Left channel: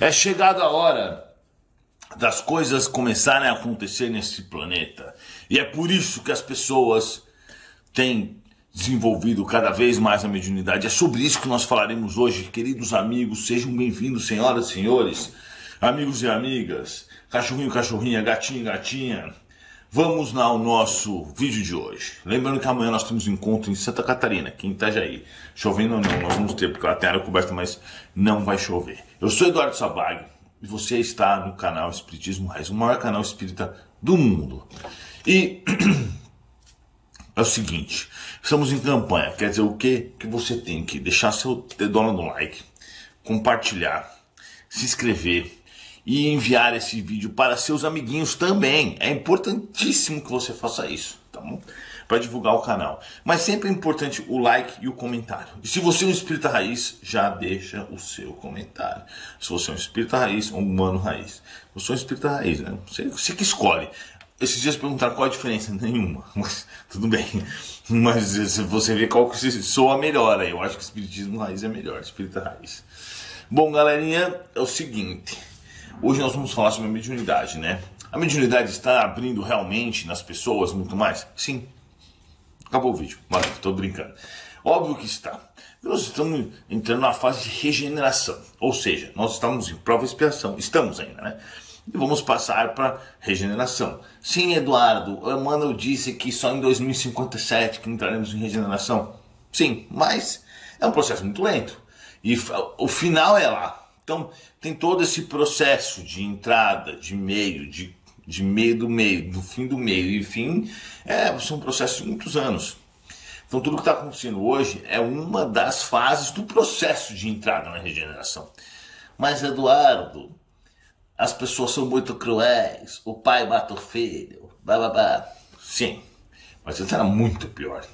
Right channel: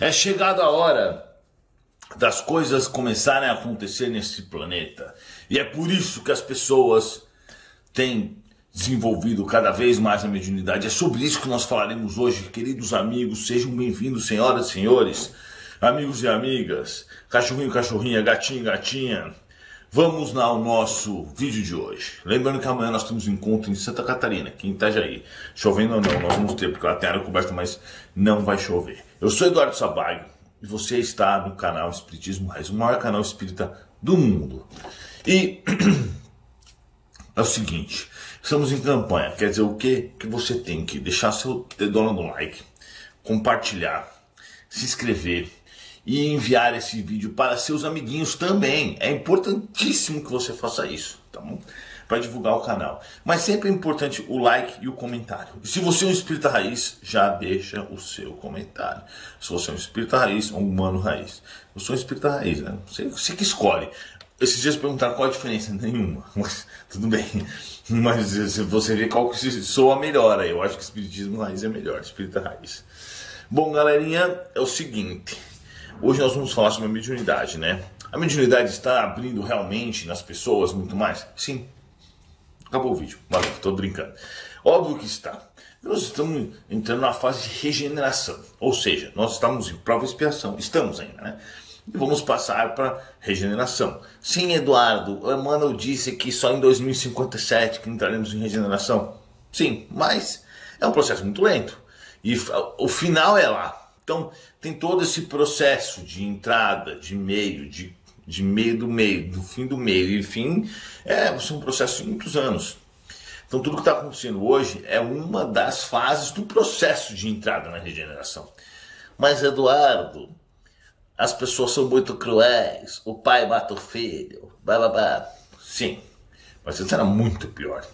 É chegada a hora das coisas começarem a acontecer nesse planeta. E é por isso que as pessoas têm desenvolvido cada vez mais a mediunidade. É sobre isso que nós falaremos hoje, queridos amigos. Sejam bem-vindos, senhoras e senhores, amigos e amigas, cachorrinho, cachorrinha, gatinho, gatinha. Vamos ao nosso vídeo de hoje. Lembrando que amanhã nós temos um encontro em Santa Catarina, aqui em Itajaí. Chovendo ou não, nós vamos ter, porque ela tem área coberta, mas não vai chover. Eu sou Eduardo Sabag e você está no canal Espiritismo Raiz, o maior canal espírita do mundo. E é o seguinte, estamos em campanha, quer dizer o quê? Que você tem que deixar seu dedão no like, compartilhar, se inscrever e enviar esse vídeo para seus amiguinhos também. É importantíssimo que você faça isso, tá bom? Para divulgar o canal. Mas sempre é importante o like e o comentário. E se você é um espírita raiz, já deixa o seu comentário. Se você é um espírita raiz ou um humano raiz. Eu sou um espírita raiz, né? Você que escolhe. Esses dias perguntaram qual a diferença. Nenhuma. Mas tudo bem. Mas você vê qual que soa melhor. Eu acho que espiritismo raiz é melhor. Espírita raiz. Bom, galerinha, é o seguinte. Hoje nós vamos falar sobre a mediunidade, né? A mediunidade está abrindo realmente nas pessoas muito mais? Sim. Acabou o vídeo. Valeu, estou brincando. Óbvio que está. Nós estamos entrando na fase de regeneração. Ou seja, nós estamos em prova e expiação. Estamos ainda, né? E vamos passar para regeneração. Sim, Eduardo, o Emmanuel disse que só em 2057 que entraremos em regeneração. Sim, mas é um processo muito lento. E o final é lá. Então, tem todo esse processo de entrada, de meio, de meio do meio, do fim do meio. E fim, são processos de muitos anos. Então, tudo que está acontecendo hoje é uma das fases do processo de entrada na regeneração. Mas, Eduardo, as pessoas são muito cruéis, o pai mata o filho, blá, blá, blá. Sim, mas isso era muito pior.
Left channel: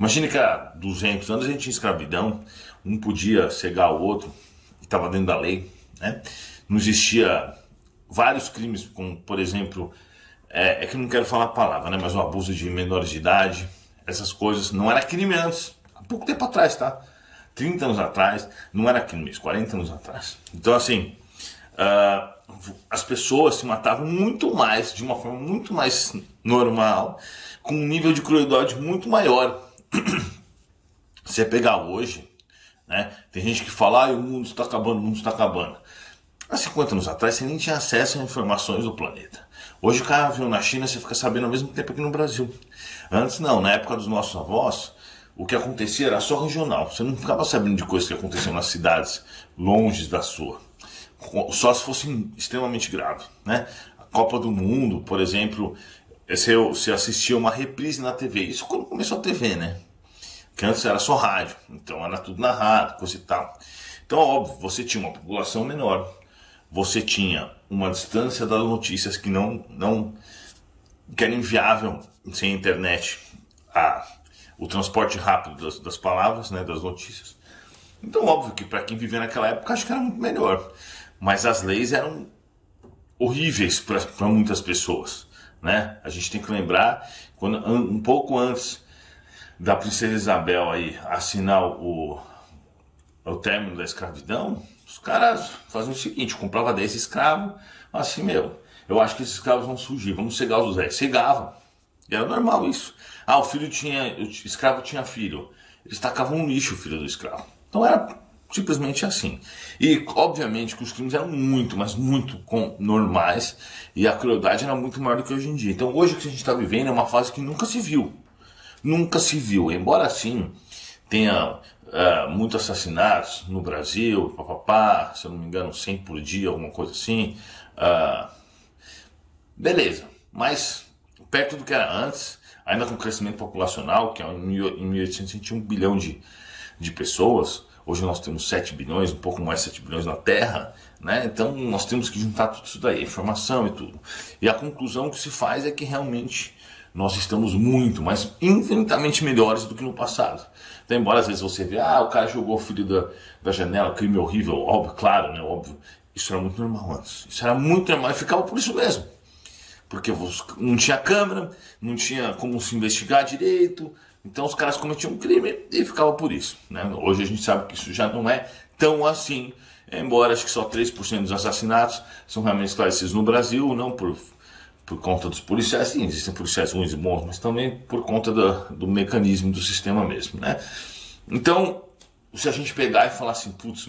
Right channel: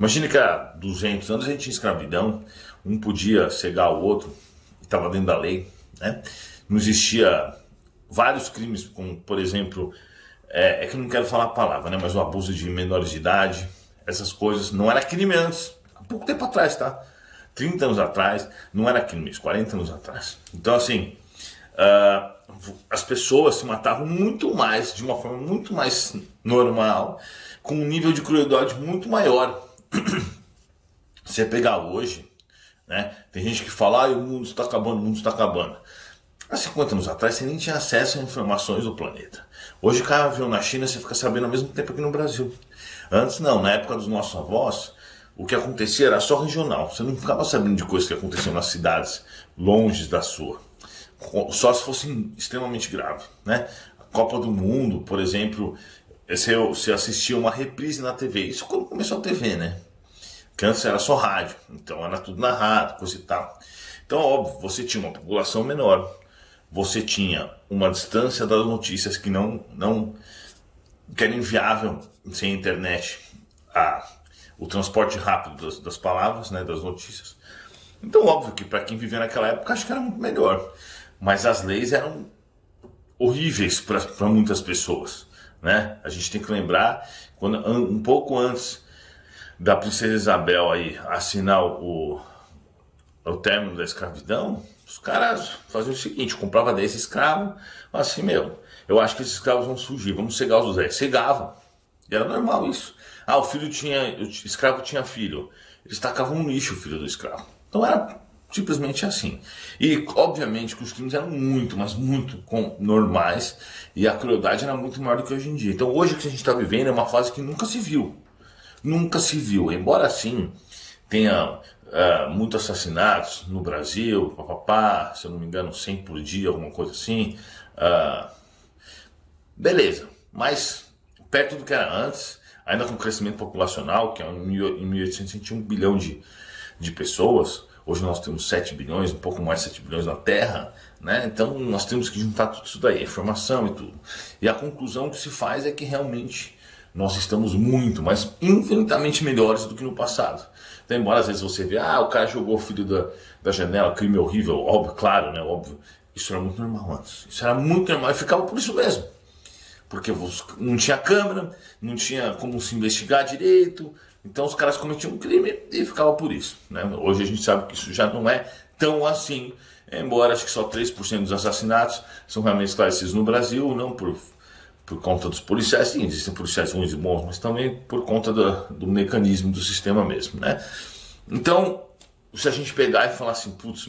Imagine que há 200 anos a gente tinha escravidão, um podia cegar o outro, estava dentro da lei, né? Não existia vários crimes, como, por exemplo, é que eu não quero falar a palavra, né? Mas o abuso de menores de idade, essas coisas, não era crime antes, há pouco tempo atrás, tá? 30 anos atrás, não era crime, 40 anos atrás. Então, assim, as pessoas se matavam muito mais, de uma forma muito mais normal, com um nível de crueldade muito maior. Se você pegar hoje, né? Tem gente que fala, o mundo está acabando, o mundo está acabando. Há 50 anos atrás você nem tinha acesso a informações do planeta. Hoje o cara viu na China, você fica sabendo ao mesmo tempo aqui no Brasil. Antes não, na época dos nossos avós, o que acontecia era só regional. Você não ficava sabendo de coisas que aconteciam nas cidades longe da sua. Só se fosse extremamente grave, né? A Copa do Mundo, por exemplo, você assistia uma reprise na TV. Isso quando começou a TV, né? Que antes era só rádio, então era tudo narrado, coisa e tal. Então, óbvio, você tinha uma população menor, você tinha uma distância das notícias que que era inviável sem internet, o transporte rápido das palavras, né, das notícias. Então, óbvio que para quem vivia naquela época, acho que era muito melhor. Mas as leis eram horríveis para muitas pessoas, né? A gente tem que lembrar, um pouco antes da princesa Isabel aí assinar o término da escravidão, os caras faziam o seguinte, comprava 10 escravos, assim, eu acho que esses escravos vão surgir, vamos cegar os 10. Cegavam. E era normal isso. O escravo tinha filho. Eles tacavam no lixo o filho do escravo. Então era simplesmente assim. E obviamente que os crimes eram muito, mas muito normais, e a crueldade era muito maior do que hoje em dia. Então hoje o que a gente está vivendo é uma fase que nunca se viu. Nunca se viu, embora sim tenha muitos assassinatos no Brasil, se eu não me engano 100 por dia, alguma coisa assim, beleza, mas perto do que era antes, ainda com crescimento populacional, que em 1800 a gente tinha 1 bilhão de pessoas, hoje nós temos 7 bilhões, um pouco mais de 7 bilhões na Terra, né? Então nós temos que juntar tudo isso daí, informação e tudo, e a conclusão que se faz é que realmente nós estamos muito, mas infinitamente melhores do que no passado. Então, embora às vezes você vê, o cara jogou o filho da janela, crime horrível, óbvio, claro, né, óbvio. Isso era muito normal antes. Isso era muito normal e ficava por isso mesmo. Porque não tinha câmera, não tinha como se investigar direito, então os caras cometiam um crime e ficava por isso, né? Hoje a gente sabe que isso já não é tão assim embora acho que só 3% dos assassinatos são realmente esclarecidos no Brasil, não por conta dos policiais. Sim, existem policiais ruins e bons, mas também por conta do mecanismo do sistema mesmo, né? Então, se a gente pegar e falar assim, putz,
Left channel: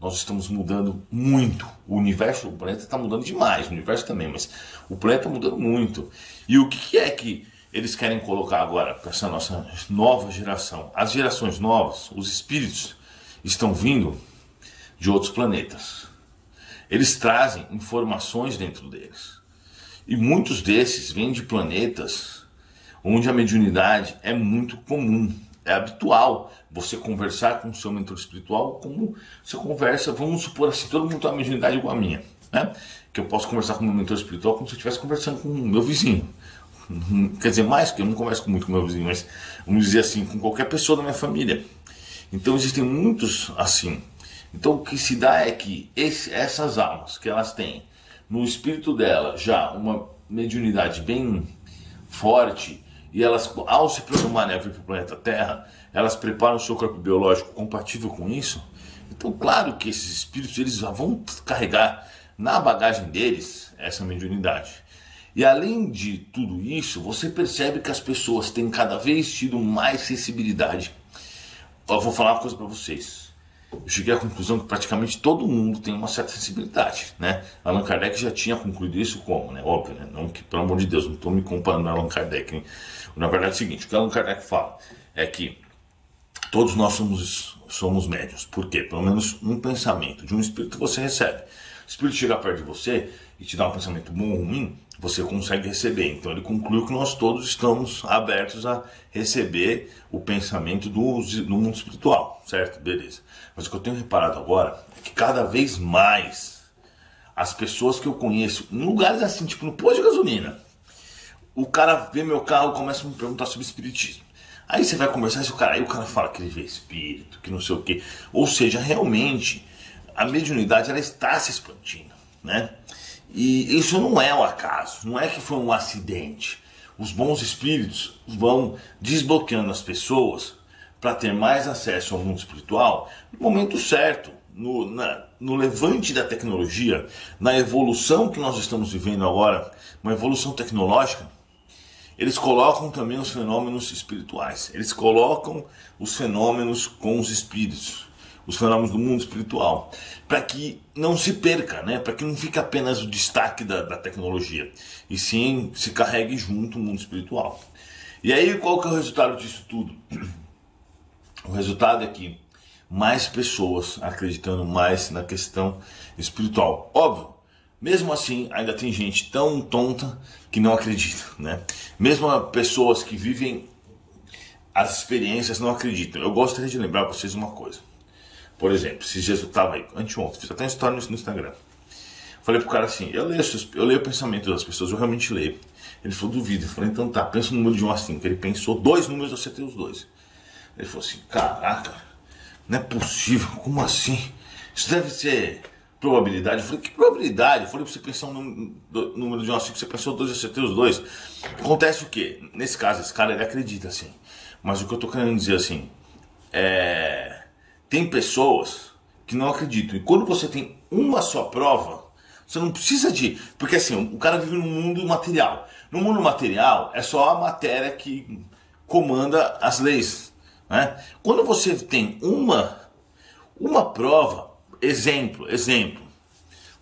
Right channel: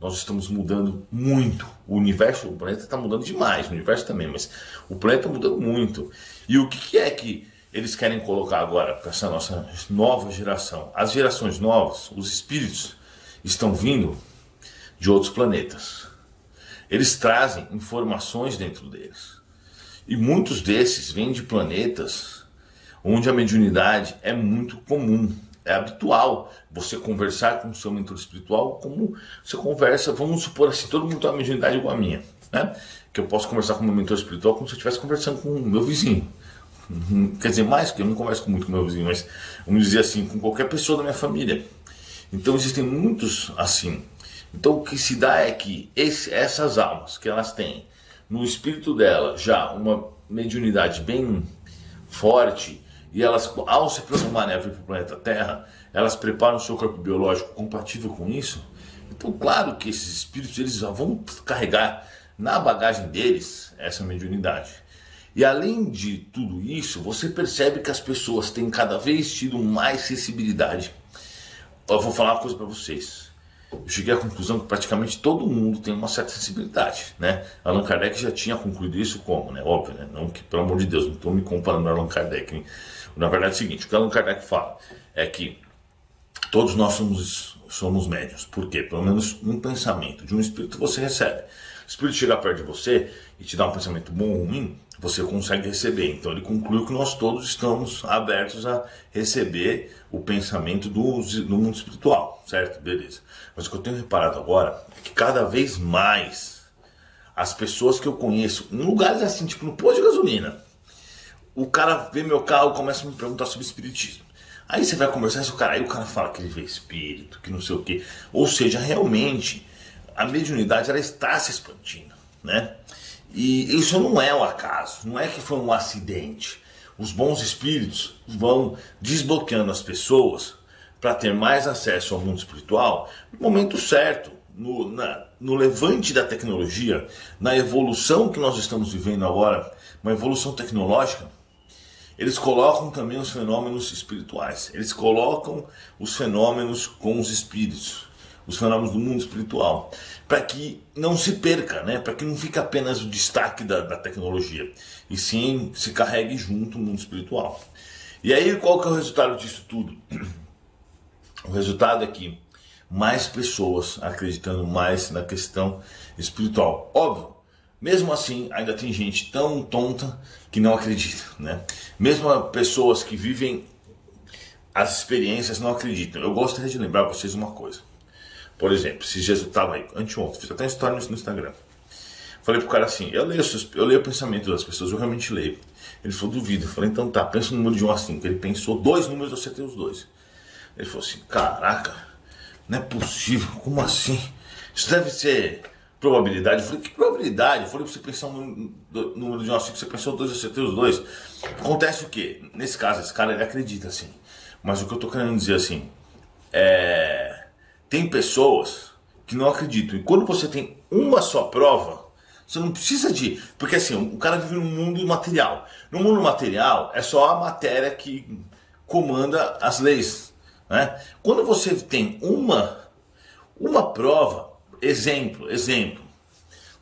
nós estamos mudando muito, o universo, o planeta está mudando demais, o universo também, mas o planeta está mudando muito. E o que é que eles querem colocar agora para essa nossa nova geração? As gerações novas, os espíritos, estão vindo de outros planetas. Eles trazem informações dentro deles. E muitos desses vêm de planetas onde a mediunidade é muito comum. É habitual você conversar com o seu mentor espiritual como você conversa, vamos supor assim, todo mundo tem uma mediunidade igual a minha, né? Que eu posso conversar com o meu mentor espiritual como se eu estivesse conversando com o meu vizinho. Quer dizer, mais, porque eu não converso muito com o meu vizinho, mas vamos dizer assim, com qualquer pessoa da minha família. Então existem muitos assim. Então o que se dá é que essas almas que elas têm no espírito dela já uma mediunidade bem forte, e elas, ao se programarem a vir para o planeta Terra, elas preparam o seu corpo biológico compatível com isso. Então, claro que esses espíritos eles já vão carregar na bagagem deles essa mediunidade. E além de tudo isso, você percebe que as pessoas têm cada vez tido mais sensibilidade. Eu vou falar uma coisa para vocês. Eu cheguei à conclusão que praticamente todo mundo tem uma certa sensibilidade, né? Allan Kardec já tinha concluído isso como, né? Óbvio, né? Não que, pelo amor de Deus, não estou me comparando a Allan Kardec, hein? Na verdade é o seguinte, o que Allan Kardec fala é que todos nós somos médiuns. Por quê? Pelo menos um pensamento de um espírito você recebe. O espírito chega perto de você e te dá um pensamento bom ou ruim, você consegue receber. Então ele concluiu que nós todos estamos abertos a receber o pensamento do mundo espiritual, certo? Beleza. Mas o que eu tenho reparado agora é que cada vez mais as pessoas que eu conheço, em lugares assim, tipo no posto de gasolina, o cara vê meu carro e começa a me perguntar sobre espiritismo. Aí você vai conversar com o cara, aí o cara fala que ele vê espírito, que não sei o quê. Ou seja, realmente a mediunidade ela está se expandindo, né? E isso não é um acaso, não é que foi um acidente. Os bons espíritos vão desbloqueando as pessoas para ter mais acesso ao mundo espiritual no momento certo, no levante da tecnologia, na evolução que nós estamos vivendo agora, uma evolução tecnológica. Eles colocam também os fenômenos espirituais, eles colocam os fenômenos com os espíritos, os fenômenos do mundo espiritual, para que não se perca, né? Para que não fique apenas o destaque da tecnologia, e sim se carregue junto o mundo espiritual. E aí qual que é o resultado disso tudo? O resultado é que mais pessoas acreditando mais na questão espiritual. Óbvio, mesmo assim ainda tem gente tão tonta que não acredita, né? Mesmo pessoas que vivem as experiências não acreditam. Eu gostaria de lembrar vocês uma coisa. Por exemplo, esses dias eu estava aí, anteontem, fiz até uma história no Instagram. Falei pro cara assim, eu leio o pensamento das pessoas, eu realmente leio. Ele falou, duvido. Eu falei, então tá, pensa no número de 1 a 5. Ele pensou 2 números, eu acertei os 2. Ele falou assim, caraca, não é possível, como assim? Isso deve ser probabilidade. Eu falei, que probabilidade? Eu falei pra você pensar um número de 1 a 5, você pensou 2, eu acertei os 2. Acontece o quê? Nesse caso, esse cara, ele acredita assim. Mas o que eu tô querendo dizer assim, tem pessoas que não acreditam. E quando você tem uma só prova, você não precisa de... Porque assim, o cara vive num mundo material. No mundo material, é só a matéria que comanda as leis, né? Quando você tem uma prova, exemplo,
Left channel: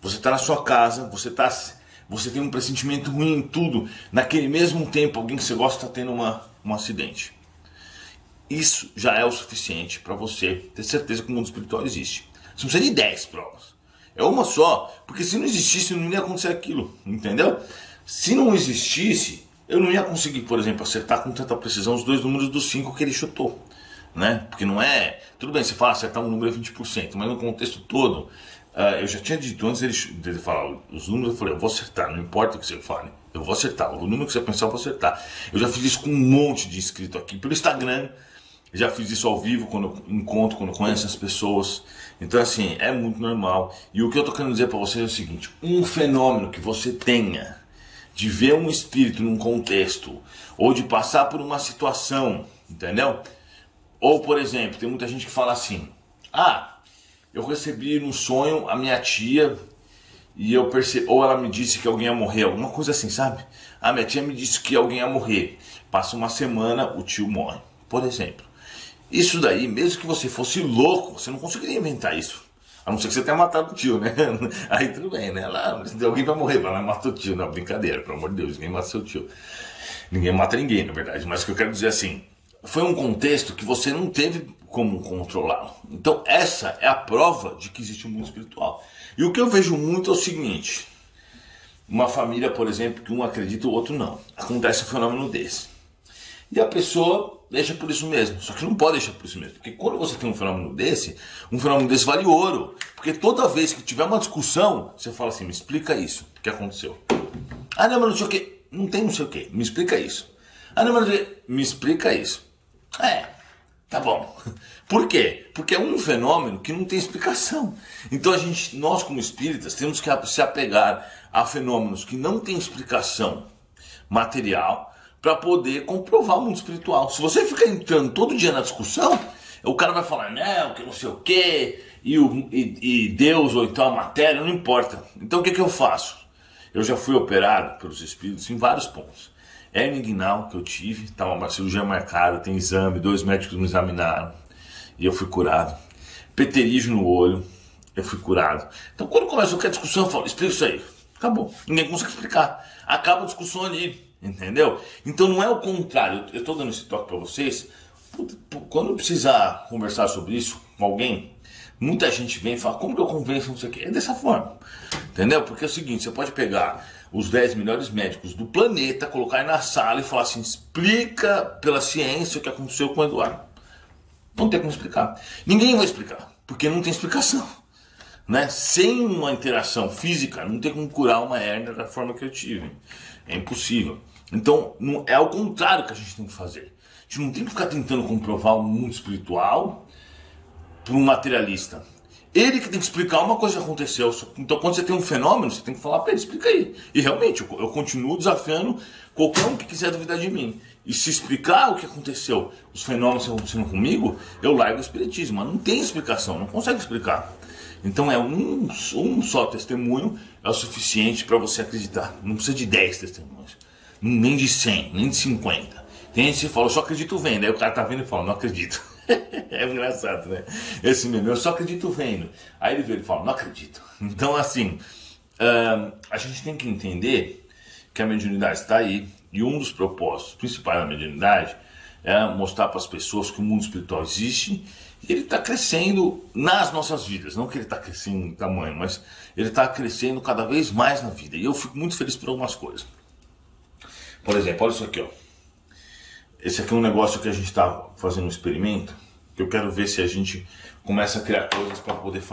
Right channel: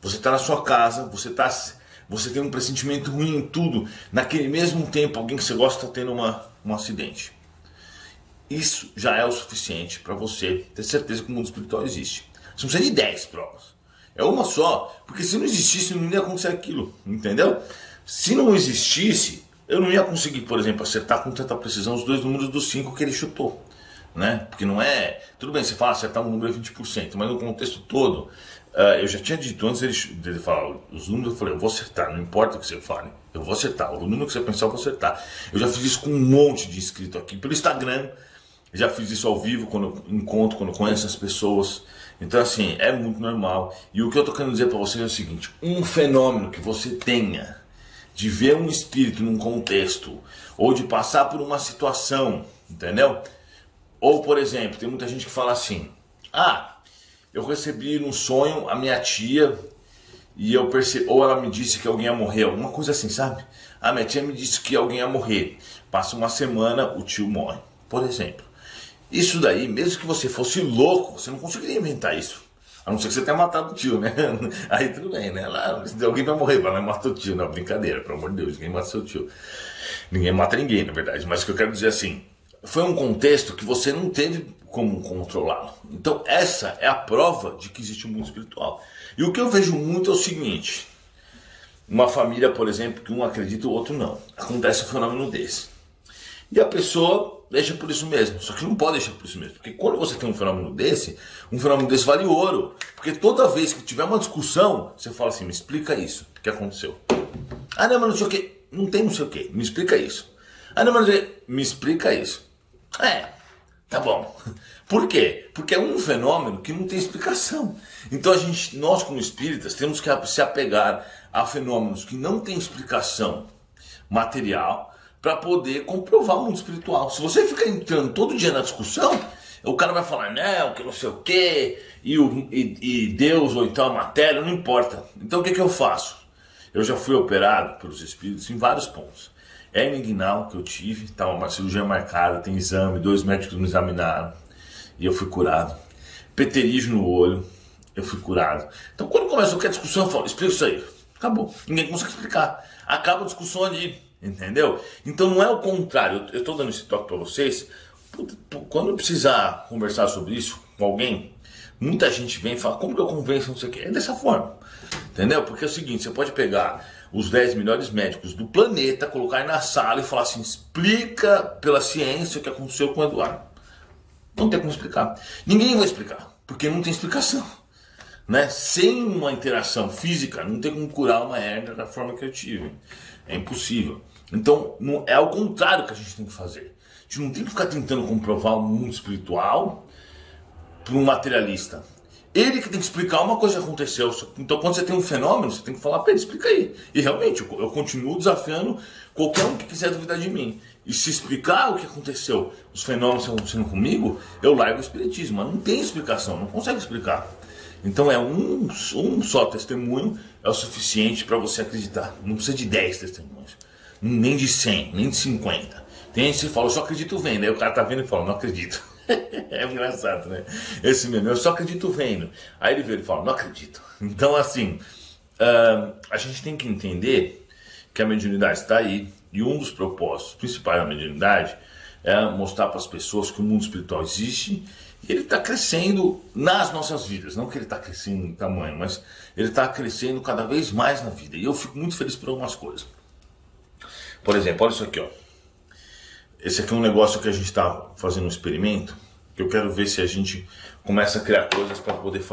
você está na sua casa, você tem um pressentimento ruim em tudo, naquele mesmo tempo alguém que você gosta está tendo um acidente. Isso já é o suficiente para você ter certeza que o mundo espiritual existe. Você não precisa de 10 provas. É uma só, porque se não existisse não ia acontecer aquilo, entendeu? Se não existisse, eu não ia conseguir, por exemplo, acertar com tanta precisão os 2 números dos 5 que ele chutou, né? Porque não é... Tudo bem, você fala acertar um número é 20%, mas no contexto todo, eu já tinha dito antes dele falar os números, eu falei, eu vou acertar, não importa o que você fale, eu vou acertar, o número que você pensar eu vou acertar. Eu já fiz isso com um monte de inscrito aqui pelo Instagram, já fiz isso ao vivo, quando eu encontro, quando eu conheço as pessoas. Então assim, é muito normal. E o que eu estou querendo dizer para vocês é o seguinte, um fenômeno que você tenha de ver um espírito num contexto, ou de passar por uma situação, entendeu? Ou, por exemplo, tem muita gente que fala assim, eu recebi num sonho a minha tia e eu percebi, ou ela me disse que alguém ia morrer, alguma coisa assim, sabe? A minha tia me disse que alguém ia morrer. Passa uma semana, o tio morre, por exemplo. Isso daí, mesmo que você fosse louco, você não conseguiria inventar isso. A não ser que você tenha matado o tio, né? Aí tudo bem, né? Lá, alguém vai morrer, vai lá e mata o tio. Não, brincadeira, pelo amor de Deus, ninguém mata seu tio. Ninguém mata ninguém, na verdade. Mas o que eu quero dizer assim, foi um contexto que você não teve como controlá-lo. Então essa é a prova de que existe um mundo espiritual. E o que eu vejo muito é o seguinte, uma família, por exemplo, que um acredita e o outro não. Acontece um fenômeno desse. E a pessoa deixa por isso mesmo. Só que não pode deixar por isso mesmo. Porque quando você tem um fenômeno desse vale ouro. Porque toda vez que tiver uma discussão, você fala assim, me explica isso. O que aconteceu? Ah, não, mas não sei o quê. Não tem não sei o quê. Me explica isso. Ah, não, mas não sei o quê. Me explica isso. Tá bom. Por quê? Porque é um fenômeno que não tem explicação. Então nós como espíritas temos que se apegar a fenômenos que não têm explicação material para poder comprovar o mundo espiritual. Se você ficar entrando todo dia na discussão, o cara vai falar, não, que não sei o quê, e Deus ou então a matéria, não importa. Então o que eu faço? Eu já fui operado pelos espíritos em vários pontos. Hernia inguinal que eu tive, estava uma cirurgia marcada, tem exame, 2 médicos me examinaram e eu fui curado. Peterígio no olho, eu fui curado. Então quando começa qualquer discussão, eu falo, explica isso aí. Acabou, ninguém consegue explicar. Acaba a discussão ali. Entendeu? Então não é o contrário. Eu estou dando esse toque para vocês. Quando eu precisar conversar sobre isso com alguém, muita gente vem e fala, como que eu convenço, não sei o quê. É dessa forma. Entendeu? Porque é o seguinte, você pode pegar os 10 melhores médicos do planeta, colocar aí na sala e falar assim, explica pela ciência o que aconteceu com o Eduardo. Não tem como explicar. Ninguém vai explicar, porque não tem explicação. Né? Sem uma interação física, não tem como curar uma hérnia da forma que eu tive. É impossível. Então, é ao contrário que a gente tem que fazer. A gente não tem que ficar tentando comprovar o mundo espiritual para um materialista. Ele que tem que explicar uma coisa que aconteceu. Então, quando você tem um fenômeno, você tem que falar para ele, explica aí. E realmente, eu continuo desafiando qualquer um que quiser duvidar de mim. E se explicar o que aconteceu, os fenômenos que estão acontecendo comigo, eu largo o espiritismo. Mas não tem explicação, não consegue explicar. Então um só testemunho é o suficiente para você acreditar. Não precisa de 10 testemunhos, nem de 100, nem de 50. Tem gente que fala, eu só acredito vendo. Aí o cara tá vendo e fala, não acredito. É engraçado, né? Esse mesmo, eu só acredito vendo. Aí ele vê e fala, não acredito. Então assim, a gente tem que entender que a mediunidade está aí. E um dos propósitos principais da mediunidade é mostrar para as pessoas que o mundo espiritual existe. E ele está crescendo nas nossas vidas. Não que ele está crescendo em tamanho, mas ele está crescendo cada vez mais na vida. E eu fico muito feliz por algumas coisas. Por exemplo, olha isso aqui, ó. Esse aqui é um negócio que a gente está fazendo um experimento. Que eu quero ver se a gente começa a criar coisas para poder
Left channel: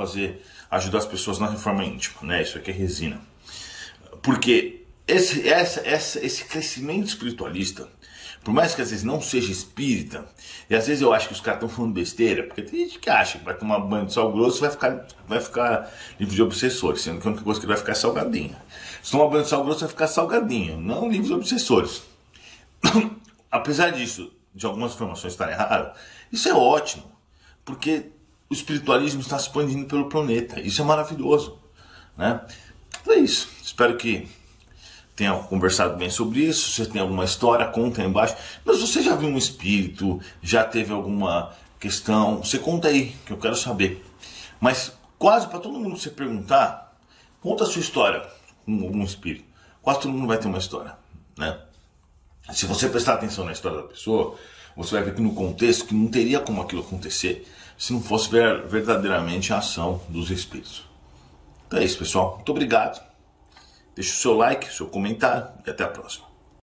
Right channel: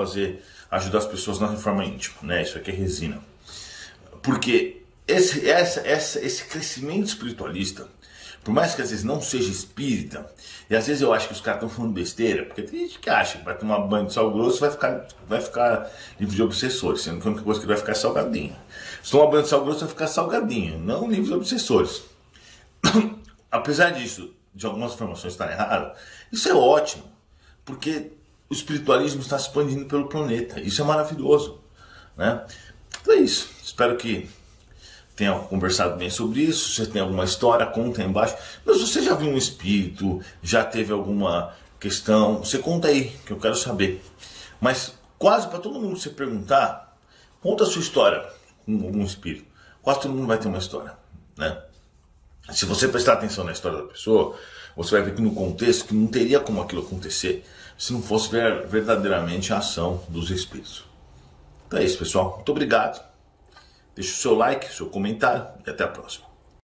ajudar as pessoas na reforma íntima. Né? Isso aqui é resina. Porque esse crescimento espiritualista, por mais que às vezes não seja espírita, e às vezes eu acho que os caras estão falando besteira, porque tem gente que acha que vai tomar banho de sal grosso e vai ficar livre de obsessores, sendo que a única coisa que vai ficar é salgadinho. Se tomar banho de sal grosso vai ficar salgadinho, não livre de obsessores. Apesar disso, de algumas informações estarem erradas, isso é ótimo, porque o espiritualismo está se expandindo pelo planeta, isso é maravilhoso. Né? Então é isso, espero que tenha conversado bem sobre isso. Se você tem alguma história, conta aí embaixo. Mas se você já viu um espírito, já teve alguma questão, você conta aí, que eu quero saber. Mas quase para todo mundo que você perguntar, conta a sua história com algum espírito. Quase todo mundo vai ter uma história, né? Se você prestar atenção na história da pessoa, você vai ver que no contexto que não teria como aquilo acontecer se não fosse verdadeiramente a ação dos espíritos. Então é isso, pessoal. Muito obrigado. Deixe o seu like, seu comentário e até a próxima.